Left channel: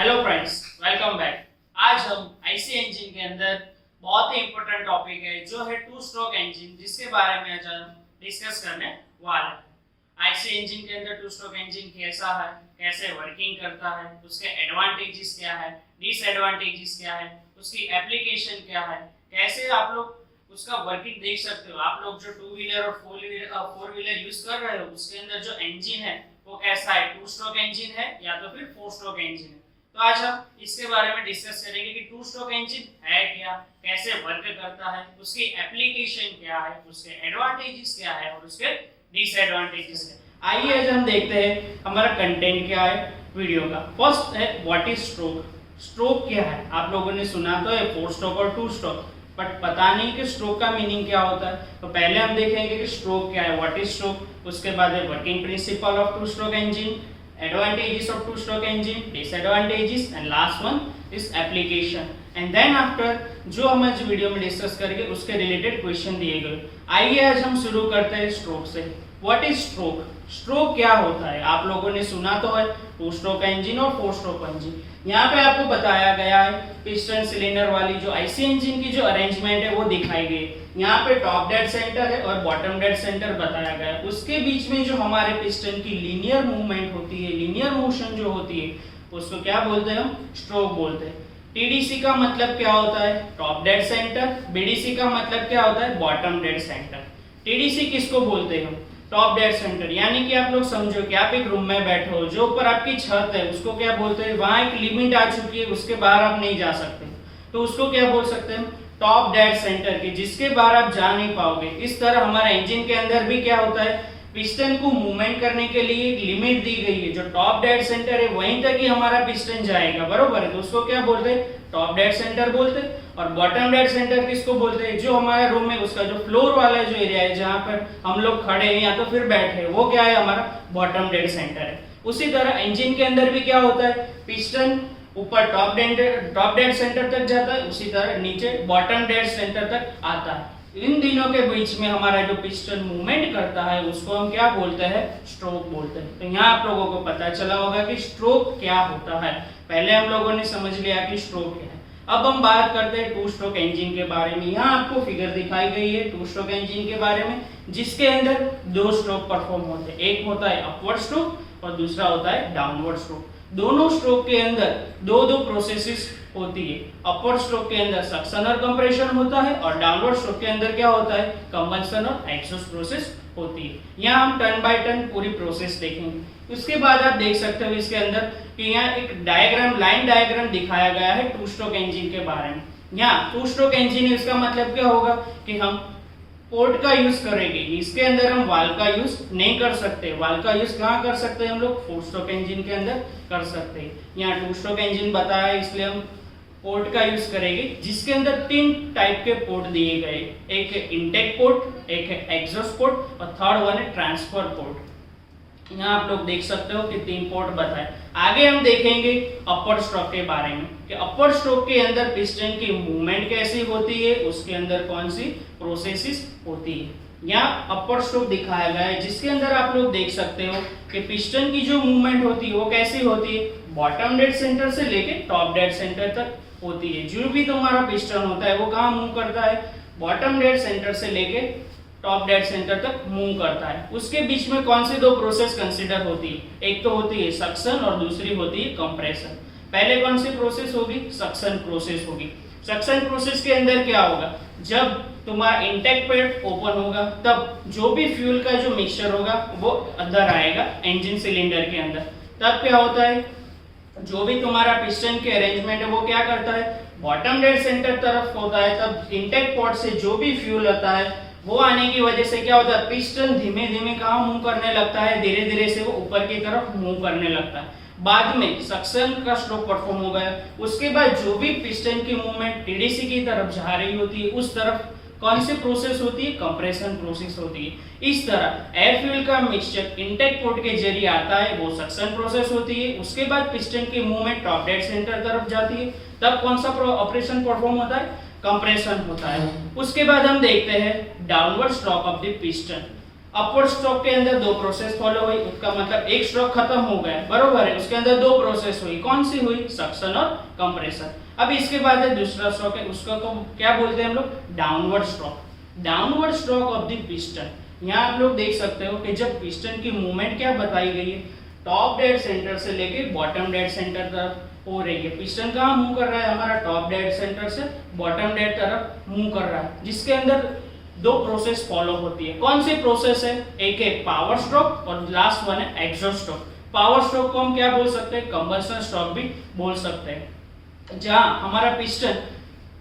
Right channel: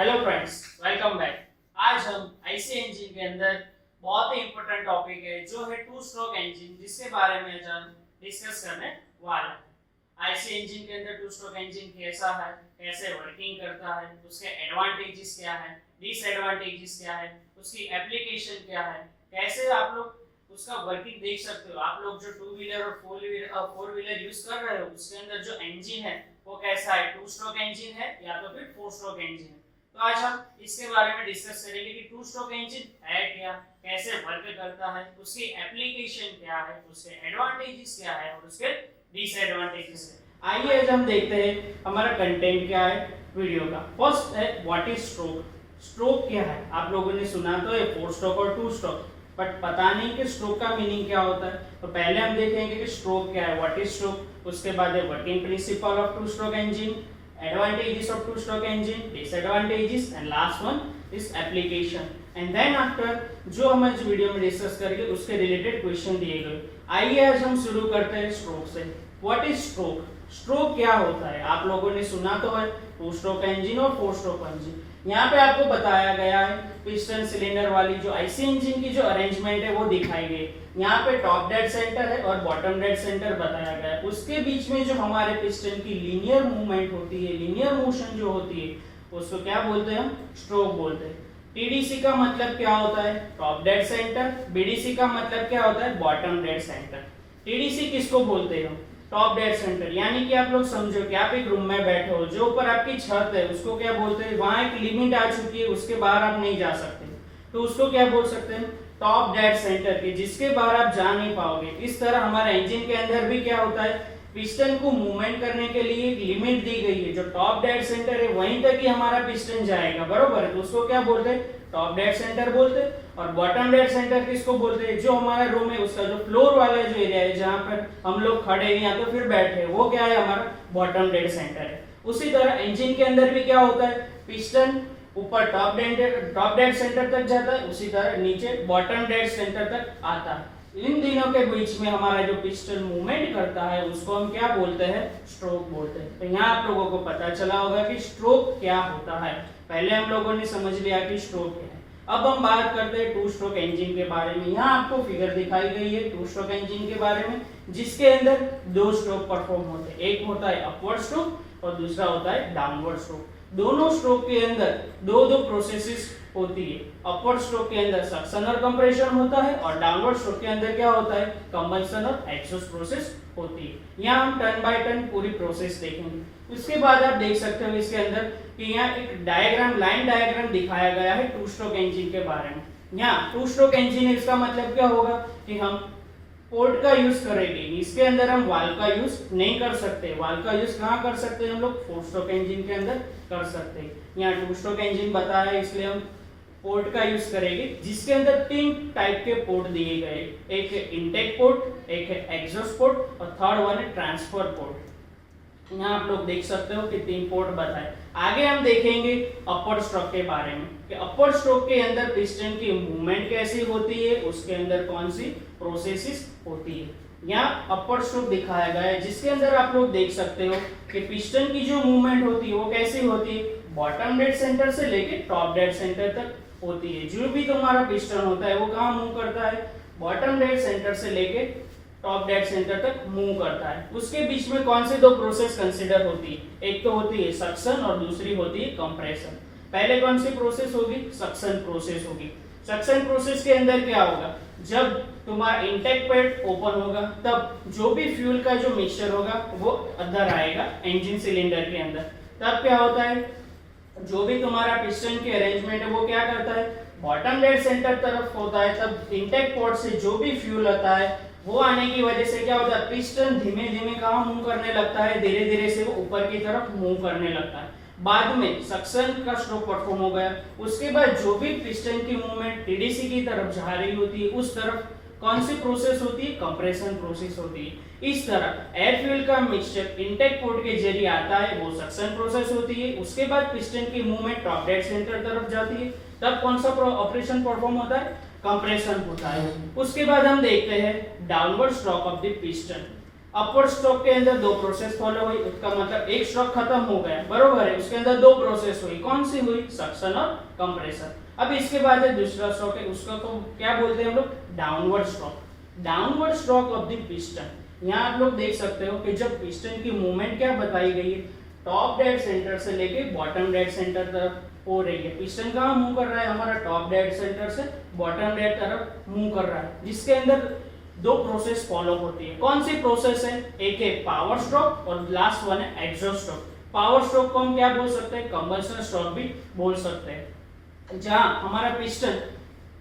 Hello friends, welcome back. आज हम IC engine के अंदर बहुत ही इंपॉर्टेंट टॉपिक है जो है टू स्ट्रोक इंजन, जिसके बारे में आज हम डिस्कस करने वाले हैं। आईसी इंजन के अंदर टू स्ट्रोक इंजन कैसा है, कैसे वर्किंग करता है, उसके एडवांटेजेस क्या है, डिसएडवांटेजेस क्या है, उसकी एप्लीकेशन क्या है, कैसे आप लोग उसका वर्किंग देख सकते हो। आप लोग जो टू व्हीलर और फोर व्हीलर यूज कर रहे हो उसके अंदर जो इंजन है वो कैसा है, टू स्ट्रोक इंजन है या तो फिर फोर स्ट्रोक इंजन है। तो आज हम इसके बारे में डिस्कस करेंगे कि टू स्ट्रोक इंजन है क्या, कैसे वर्क करता है, उसकी एप्लीकेशन क्या है, उसके एडवांटेजेस क्या है और उसके डिसएडवांटेजेस क्या है। आइए आज हम देखते हैं हमारा कंटेंट क्या है वीडियो का। फर्स्ट है व्हाट इज स्ट्रोक। स्ट्रोक क्या है? आप लोगों ने सुना तो है फोर स्ट्रोक और टू स्ट्रोक, बट पता नहीं कि स्ट्रोक का मीनिंग क्या होता है। तो पहले हम देखेंगे कि स्ट्रोक क्या है, व्हाट इज स्ट्रोक। उसके बाद है working principle of to stroke engine, advantages of two stroke engine, disadvantages, and last one is application. And then after जो हम आज वीडियो में डिस्कस करेंगे उसके रिलेटेड क्वेश्चन दिए गए। आइए आज हम शुरू करते हैं स्ट्रोक से। What is stroke? स्ट्रोक क्या होता है? आप लोगों ने सुना तो है टू स्ट्रोक इंजन और फोर स्ट्रोक इंजन। यहाँ पे आपको बताया गया है पिस्टन सिलेंडर वाली जो आईसी इंजन की जो अरेंजमेंट है वो दिखाई गई। यहाँ पे टॉप डेड सेंटर है और बॉटम डेड सेंटर बताया गया है। उसके बीच में जो हमारे पिस्टन की लीनियर मूवमेंट होती है, लीनियर मोशन जो होती है, उसको क्या बोलते हैं? हम स्ट्रोक बोलते हैं। टीडीसी का मतलब क्या होता है? Top dead centre. बीडीसी का मतलब क्या होता है? Bottom dead centre. टीडीसी किसको बोलते हैं? Top dead centre. यानी कि आप लोग समझो कि आप एक रूम में बैठे हो, जो ऊपर आपकी छत है उसको क्या बोलते हैं? वहां एक लिमिट आ चुकी है, उसके बाहर आप नहीं जा सकते, तो उसको क्या बोल सकते हैं? टॉप डेड सेंटर की, जिसके बाहर आप जा नहीं पाओगे। इस तरह हमारा इंजन के अंदर भी क्या होता है? पिस्टन को मूवमेंट करने के लिए एक लिमिट दी गई है। जो टॉप डेड सेंटर है वहीं तक ही हमारा पिस्टन जाएगा, बरोबर है? तो उसको क्या बोलते हैं? टॉप डेड सेंटर बोलते हैं। और बॉटम डेड सेंटर किसको बोलते हैं? जो हमारा रूम है उसका जो फ्लोर वाला जो एरिया है, जहां पर हम लोग खड़े हैं या तो फिर बैठे हैं, वो क्या है? हमारा बॉटम डेड सेंटर है। उसी तरह इंजन के अंदर भी क्या होता है? पिस्टन ऊपर टॉप डेड सेंटर तक जाता है, उसी तरह नीचे बॉटम डेड सेंटर तक आता है। इन दिनों के बीच में हमारा जो पिस्टन मूवमेंट करता है उसको हम क्या बोलते हैं? स्ट्रोक बोलते हैं। तो यहाँ आप लोगों को पता चला होगा कि स्ट्रोक क्या होता है। पहले हम लोगों ने समझ लिया कि स्ट्रोक क्या है। अब हम बात करते हैं टू स्ट्रोक इंजन के बारे में। यहाँ आपको फिगर दिखाई गई है टू स्ट्रोक इंजन के बारे में, जिसके अंदर दो स्ट्रोक परफॉर्म होते हैं। एक होता है अपवर्ड स्ट्रोक और दूसरा होता है डाउनवर्ड स्ट्रोक। दोनों स्ट्रोक के अंदर दो दो प्रोसेसेस होती है। अपवर्ड स्ट्रोक के अंदर सक्शन और कंप्रेशन होता है और डाउनवर्ड स्ट्रोक के अंदर क्या होता है? कंबशन और एग्जॉस्ट प्रोसेस होती है। यहाँ हम टर्न बाय टर्न पूरी प्रोसेस देखेंगे। उसके बाद आप देख सकते हो इसके अंदर कि यहाँ एक डायग्राम, लाइन डायग्राम दिखाया गया है टू स्ट्रोक इंजन के बारे में। यहाँ टू स्ट्रोक इंजन है, इसका मतलब क्या होगा कि हम पोर्ट का यूज करेंगे। इसके अंदर हम वाल्व का यूज नहीं कर सकते। वाल्व का यूज कहाँ कर सकते हैं? हम लोग फोर स्ट्रोक इंजन के अंदर कर सकते हैं। यहाँ टू स्ट्रोक इंजन बताया है, इसलिए हम पोर्ट का यूज करेंगे, जिसके अंदर तीन टाइप के पोर्ट दिए गए। एक है इनटेक पोर्ट, एक है एग्जॉस्ट पोर्ट और थर्ड वन है ट्रांसफर पोर्ट। यहाँ आप लोग देख सकते हो कि तीन पोर्ट बताए। आगे हम देखेंगे अपर स्ट्रोक के बारे में कि अपर स्ट्रोक के अंदर पिस्टन की मूवमेंट कैसी होती है, उसके अंदर कौन सी प्रोसेसेस होती है। यहाँ अपर स्ट्रोक दिखाया गया है, जिसके अंदर आप लोग देख सकते हो कि पिस्टन की जो मूवमेंट होती है वो कैसी होती है? बॉटम डेड सेंटर से लेके टॉप डेड सेंटर तक होती है। जो भी तुम्हारा पिस्टन होता है वो कहाँ मूव करता है? बॉटम डेड सेंटर से लेके टॉप डेड सेंटर तक मूव करता है। उसके बीच में कौन से दो प्रोसेस कंसीडर होती है? एक तो होती है सक्शन और दूसरी होती है कंप्रेशन। पहले कौन सी प्रोसेस होगी? सक्शन प्रोसेस होगी। सक्शन प्रोसेस के अंदर क्या होगा? जब तुम्हारा इंटेक पैड ओपन होगा तब जो भी फ्यूल का जो मिक्सचर होगा वो अंदर आएगा इंजन सिलेंडर के अंदर। तब क्या होता है? जो भी तुम्हारा पिस्टन के अरेंजमेंट है वो क्या करता है? बॉटम डेड सेंटर तरफ होता है। तब इंटेक पोर्ट से जो भी फ्यूल आता है वो आने की वजह से क्या होता है? पिस्टन धीमे धीमे कहाँ मूव करने लगता है? धीरे धीरे से वो ऊपर की तरफ मूव करने लगता है। बाद में सक्शन का स्ट्रोक परफॉर्म हो गया, उसके बाद जो भी पिस्टन की मूवमेंट टीडीसी की तरफ जा रही होती है उस तरफ कौन सी प्रोसेस होती है? कंप्रेशन प्रोसेस होती है। इस तरह एयर फ्यूल का मिक्सचर इंटेक पोर्ट के जरिए आता है, वो सक्शन प्रोसेस होती है। उसके बाद पिस्टन की मूवमेंट टॉप डेड सेंटर तरफ जाती है, तब कौन सा ऑपरेशन परफॉर्म होता है? कंप्रेशन होता है। उसके बाद हम देखते हैं downward stroke of the piston. Upward stroke के अंदर दो प्रोसेस फॉलो हुई, उसका मतलब एक स्ट्रोक खत्म हो गया, बरोबर है, उसके अंदर दो प्रोसेस हुई, कौन सी हुई, सक्शन और कंप्रेशन। अब इसके बाद है दूसरा स्ट्रोक है, उसका तो क्या बोलते हैं हम लोग, downward stroke. Downward stroke of the piston. यहाँ आप लोग देख सकते हो कि जब पिस्टन की मूवमेंट क्या बताई गई है, टॉप डेड सेंटर से लेके बॉटम डेड सेंटर तरफ हो रही है। पिस्टन कहाँ मूव कर रहा है, हमारा टॉप डेड सेंटर से बॉटम डेड तरफ मूव कर रहा है, जिसके अंदर दो प्रोसेस फॉलो होती है। कौन सी प्रोसेस है, एक है पावर स्ट्रोक और लास्ट वन है एग्जॉस्ट स्ट्रोक। पावर स्ट्रोक को हम क्या बोल सकते हैं, कंबशन स्ट्रोक भी बोल सकते हैं। जहां हमारा पिस्टन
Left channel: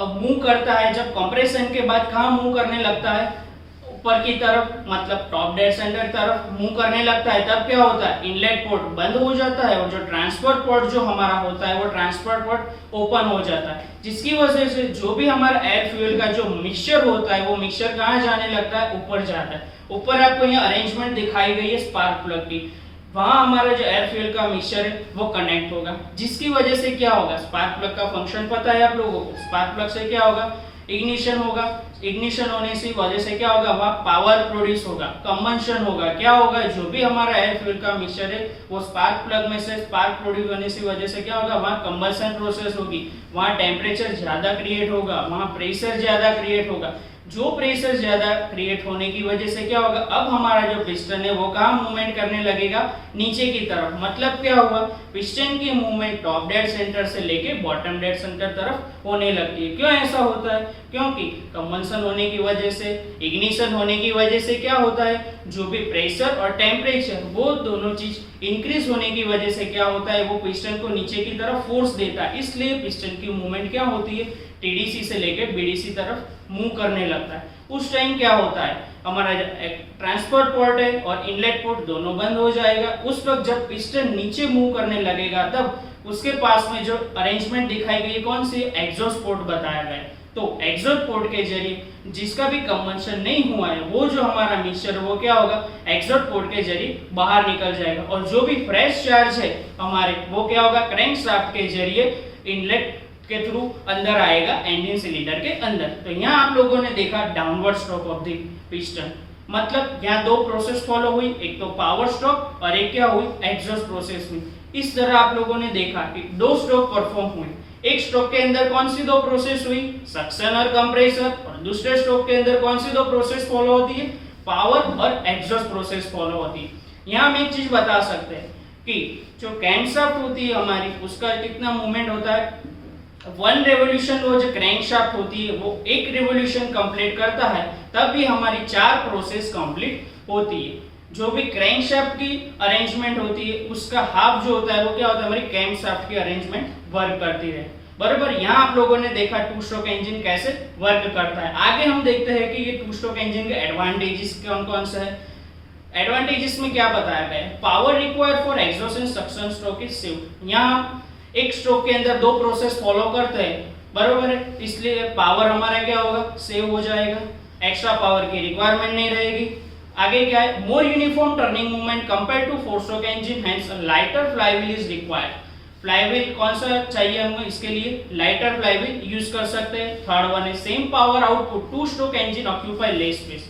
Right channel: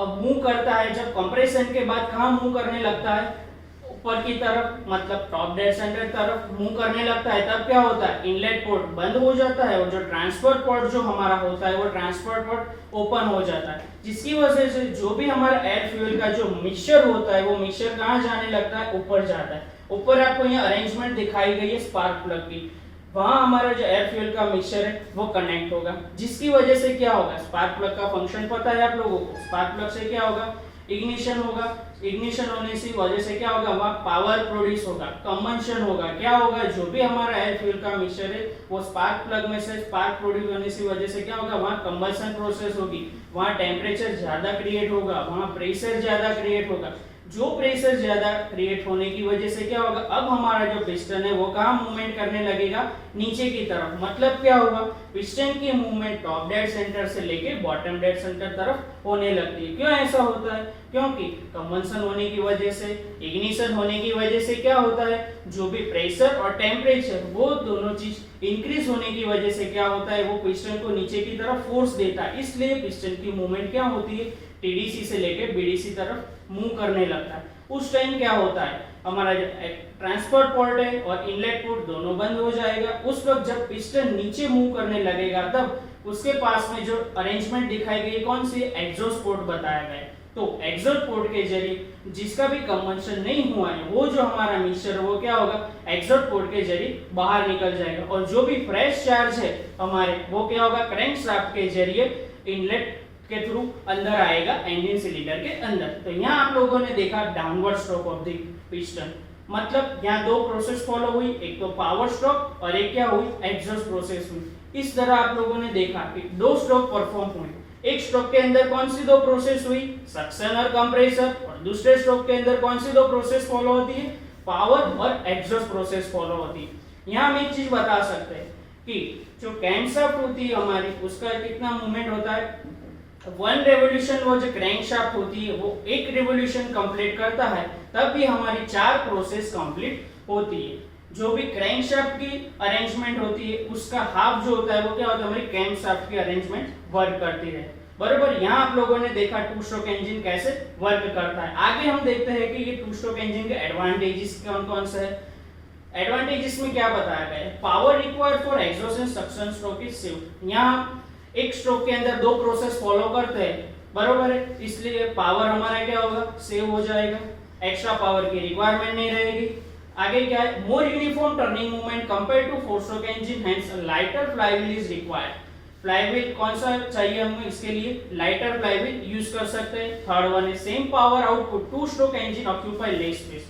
मूव करता है, जब कंप्रेशन के बाद कहां मूव करने लगता है, ऊपर की तरफ, मतलब टॉप डेड सेंटर तरफ मूव करने लगता है, तब क्या होता है, इनलेट पोर्ट बंद हो जाता है और जो ट्रांसफर पोर्ट जो हमारा होता है वो ट्रांसफर पोर्ट ओपन हो जाता है, जिसकी वजह से जो भी हमारा एयर फ्यूल का जो मिक्सचर होता है वो मिक्सचर कहाँ जाने लगता है, ऊपर जाता है। ऊपर आपको यहाँ अरेंजमेंट दिखाई गई है स्पार्क प्लग की, वहां हमारा जो एयर फ्यूल का मिक्सचर है वो कनेक्ट होगा, जिसकी वजह से क्या होगा, स्पार्क प्लग का फंक्शन पता है आप लोगों को, स्पार्क प्लग से क्या होगा, इग्निशन होगा, इग्निशन होने से वजह से क्या होगा, वहां पावर प्रोड्यूस होगा, कंबंशन होगा, क्या होगा, जो भी हमारा एयर फ्यूल का मिक्सचर है वो स्पार्क प्लग में से स्पार्क प्रोड्यूस होने की वजह से क्या होगा, वहां कंबंशन प्रोसेस होगी, वहां टेम्परेचर ज्यादा क्रिएट होगा, वहां प्रेशर ज्यादा क्रिएट होगा। जो प्रेशर ज्यादा क्रिएट होने की वजह से क्या होगा, अब हमारा जो पिस्टन है वो कहाँ मूवमेंट करने लगेगा, नीचे की तरफ। मतलब क्या हुआ, पिस्टन की मूवमेंट टॉप डेड सेंटर से लेके बॉटम डेड सेंटर तरफ होने लगती है। क्यों ऐसा होता है, क्योंकि कंबंशन होने की वजह से, इग्निशन होने की वजह से क्या होता है, जो भी प्रेशर और टेम्परेचर वो दोनों चीज इंक्रीज होने की वजह से क्या होता है, वो पिस्टन को नीचे की तरफ फोर्स देता है, इसलिए पिस्टन की मूवमेंट क्या होती है, टीडीसी से लेकर बीडीसी तरफ मूव करने लगता है। उस टाइम क्या होता है, हमारा ट्रांसफर पोर्ट है और इनलेट पोर्ट दोनों बंद हो जाएगा। उस वक्त जब पिस्टन नीचे मूव करने लगेगा तब उसके पास में जो अरेंजमेंट दिखाई गई है, कौन सी, एग्जॉस्ट पोर्ट बताया गया है। तो एग्जॉस्ट पोर्ट के जरिए जिसका भी कंबंशन नहीं हुआ है वो जो हमारा मिक्सचर वो क्या होगा, एग्जॉस्ट पोर्ट के जरिए बाहर निकल जाएगा, और जो भी फ्रेश चार्ज है हमारे वो क्या होगा, क्रैंकशाफ्ट के जरिए इनलेट के थ्रू अंदर आएगा इंजन सिलेंडर के अंदर। तो यहाँ आप लोगों ने देखा downward stroke of the piston, मतलब यहाँ दो प्रोसेस फॉलो हुई, एक तो पावर स्ट्रोक और एक क्या हुई, एग्जॉस्ट प्रोसेस हुई। इस तरह आप लोगों ने देखा कि दो स्ट्रोक परफॉर्म हुई, एक स्ट्रोक के अंदर कौन सी दो प्रोसेस हुई, सक्शन और कंप्रेसर, और दूसरे स्ट्रोक के अंदर कौन सी दो प्रोसेस फॉलो होती है, पावर और एग्जॉस्ट प्रोसेस फॉलो होती है। यहाँ हम एक चीज बता सकते हैं कि जो क्रैंकशाफ्ट होती है हमारी, उसका कितना मूवमेंट होता है, वन रेवोल्यूशन, वो जो क्रैंकशाफ्ट होती है वो एक रेवोल्यूशन कंप्लीट करता है, तब भी हमारी चार प्रोसेस कंप्लीट होती है। जो भी क्रैंकशाफ्ट की अरेंजमेंट होती है उसका हाफ जो होता है वो क्या होता है, हमारी क्रैंकशाफ्ट की अरेंजमेंट वर्क करती है, बराबर। यहाँ आप लोगों ने देखा टू स्ट्रोक इंजन कैसे वर्क करता है। आगे हम देखते हैं कि ये टू स्ट्रोक इंजन के एडवांटेजेस कौन कौन से है। एडवांटेजेस में क्या बताया गया है, power required for exhaust and suction stroke is save. यहाँ एक स्ट्रोक के अंदर दो प्रोसेस फॉलो करते हैं, बरोबर है, इसलिए पावर हमारा क्या होगा, सेव हो जाएगा, एक्स्ट्रा पावर की रिक्वायरमेंट नहीं रहेगी। आगे क्या है, more uniform turning movement compare to four stroke engine, hence lighter flywheel is required. Flywheel कौन सा चाहिए हमें, इसके लिए लाइटर फ्लाईव्हील यूज कर सकते हैं। थर्ड वन है same power output, to stroke engine occupy less space.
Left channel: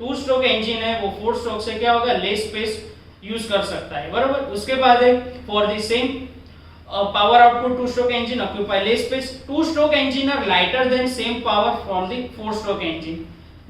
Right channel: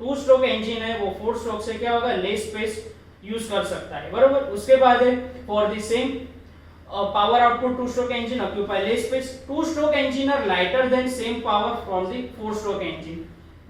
To stroke engine है वो फोर स्ट्रोक से क्या होगा, लेस स्पेस यूज कर सकता है, बरोबर। उसके बाद है for the same power output two stroke engine occupy less space. Two stroke engine are lighter than same power from the four stroke engine.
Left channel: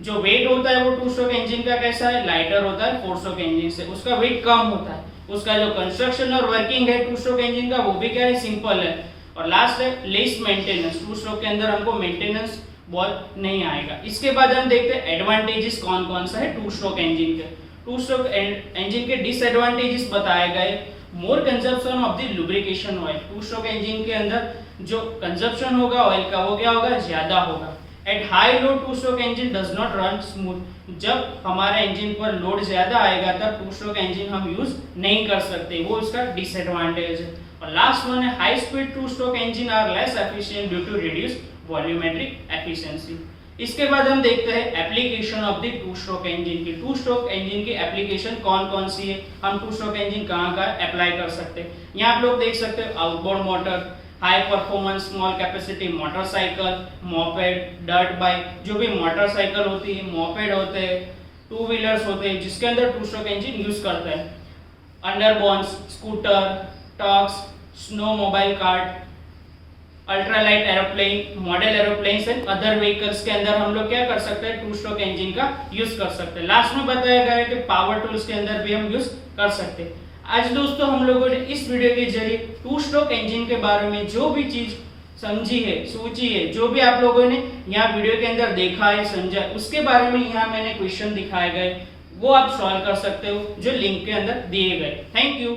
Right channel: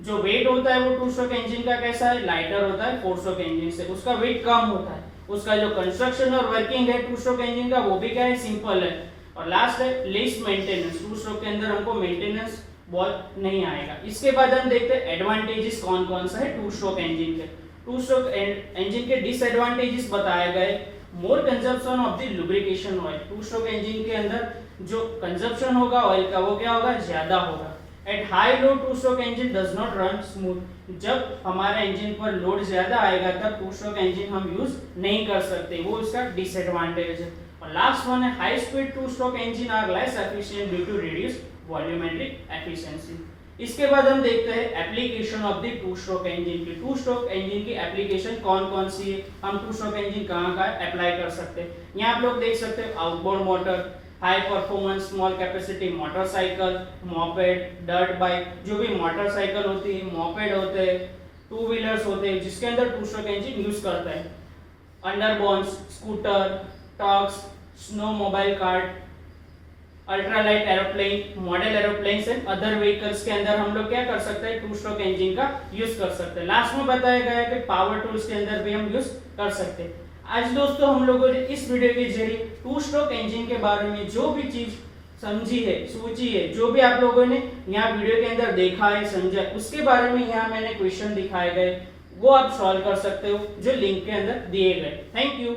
जो वेट होता है वो टू स्ट्रोक इंजन का कैसा है, लाइटर होता है फोर स्ट्रोक इंजन से, उसका वेट कम होता है। उसका जो कंस्ट्रक्शन और वर्किंग है टू स्ट्रोक इंजन का वो भी क्या है, सिंपल है। और लास्ट है लेस मेंटेनेंस, टू स्ट्रोक के अंदर हमको मेंटेनेंस बहुत नहीं आएगा। इसके बाद हम देखते हैं एडवांटेजेस कौन कौन सा है टू स्ट्रोक इंजन के। टू स्ट्रोक इंजन के डिसएडवांटेजेस बताए गए, more consumption of the lubrication oil. Two stroke engine के अंदर जो कंजप्शन होगा ऑयल का वो क्या होगा, ज्यादा होगा। At high load two stroke engine does not run smooth. जब हमारा इंजन पर लोड ज्यादा आएगा तब टू स्ट्रोक इंजन हम यूज नहीं कर सकते, वो इसका डिसएडवांटेज है। और लास्ट वन है high speed two stroke engine are less efficient due to reduce volumetric efficiency. इसके बाद हम देखते हैं application of the two stroke engine की। टू स्ट्रोक इंजन की एप्लीकेशन कौन कौन सी है, हम टू स्ट्रोक इंजन कहाँ का अप्लाई कर सकते हैं। यहाँ आप लोग देख सकते हैं outboard motor, high performance small capacity motorcycle, moped, dirt bike. जो भी मोटरसाइकिल होती है, मोपेड होते हैं, टू व्हीलर्स होते हैं जिसके अंदर टू स्ट्रोक इंजन यूज करते हैं, underbones, scooter, trucks, snowmobile kart, ultralight aeroplane, model aeroplanes and other vehicles के अंदर हम लोग क्या कर सकते हैं, टू स्ट्रोक इंजन का यूज कर सकते हैं। लास्ट में बताया गया है कि पावर टूल्स के अंदर भी हम यूज कर सकते हैं। आज दोस्तों हम लोगों ने इस वीडियो के जरिए टू स्ट्रोक इंजन के बारे में जो भी चीज समझी है, सोची है, जो भी आप लोगों ने यहाँ वीडियो के अंदर देखा है, समझा, उसके बारे में यहाँ मैंने क्वेश्चन दिखाए गए, वो आप सॉल्व कर सकते हो जो लिंक के अंदर दिए गए। Thank you.